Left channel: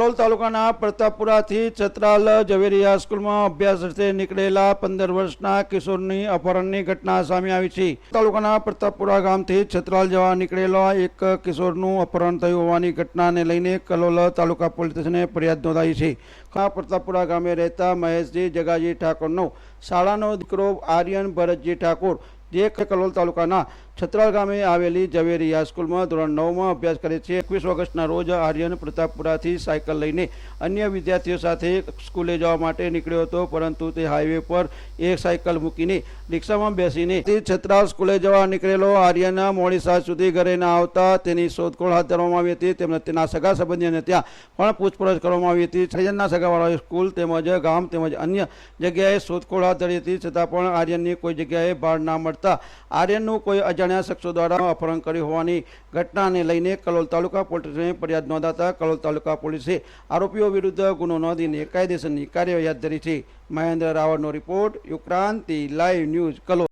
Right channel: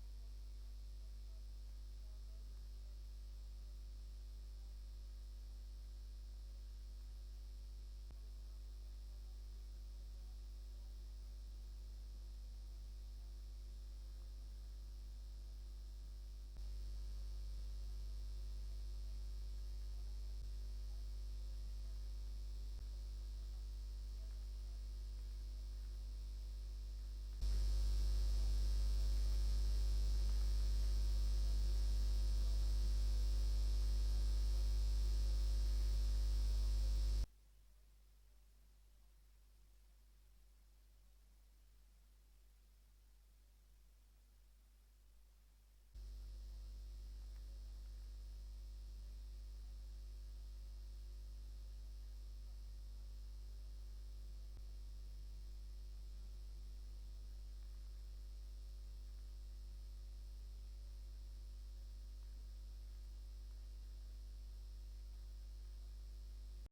કલોલ તાલુકાના પ્રતાપપુરાથી ચતરાલ ઝવેરિયા સ્કૂલમાં અભ્યાસ અર્થે નીકળેલા પંદર વર્ષના કિશોરની અપહરણની ઘટના સામે આવી છે. તાલુકાના પ્રતાપપુરા ગામથી છત્રાલ જવા નીકળેલા એક કિશોરનું અપહરણ થયું હોવાની ઘટનાને લઈને કલોલ તાલુકા પોલીસ સ્ટેશને ફરિયાદ નોંધાઈ છે. આ પ્રતાપપુરા ગામે રહેતા મહેશજી જગાજી ઠાકોરનો શાળાનો દીકરો આર્યન ભરતજી ઠાકોર જે કલોલ તાલુકાના છત્રાલ ગામે આવેલી ઝવેરીયા સ્કૂલમાં ધોરણ નવમાં અભ્યાસ કરે છે. એકવીસ ઓગસ્ટના રોજ આર્યન પ્રતાપપુરાથી સાયકલ લઈને અન્ય વિદ્યાર્થીઓ સાથે સ્કૂલે જવા માટે નીકળ્યો હતો, પરંતુ તે હાઈવે પર એક સાયકલ મૂકીને રિક્ષામાં બેસીને તે છત્રાલ સ્કૂલે જવા નીકળેલો. આર્યના મોડી સાંજ સુધી ઘરે ના આવતા તેની શોધખોળ હાથ ધરવામાં આવી હતી, તેમજ તેના સગા સંબંધીઓને ત્યાં પણ પૂછપરછ કરવામાં આવી હતી. છજનના સગાવાળાએ સ્કૂલ તેમજ ગામ તેમજ અન્ય જગ્યાએ શોધખોળ હાથ ધરી હતી, છતાં પણ આર્યનની કોઈ જગ્યાએ ભાર ના મળતા આર્યનનું કોઈ અજાણ્યા શખ્સો દ્વારા અપહરણ કર્યું હોવાની ઘટનાને લઈને કલોલ તાલુકા પોલીસને ફરિયાદ નોંધાતા કલોલ તાલુકા પોલીસે આરોપીઓ વિરુદ્ધ ગુનો નોંધીને કાયદેસરની કાર્યવાહી હાથ ધરી છે. મહેન્દ્ર રાવળનો રિપોર્ટ, યુક્રાંતિ, લાઈવ ન્યૂઝ, કલોલ.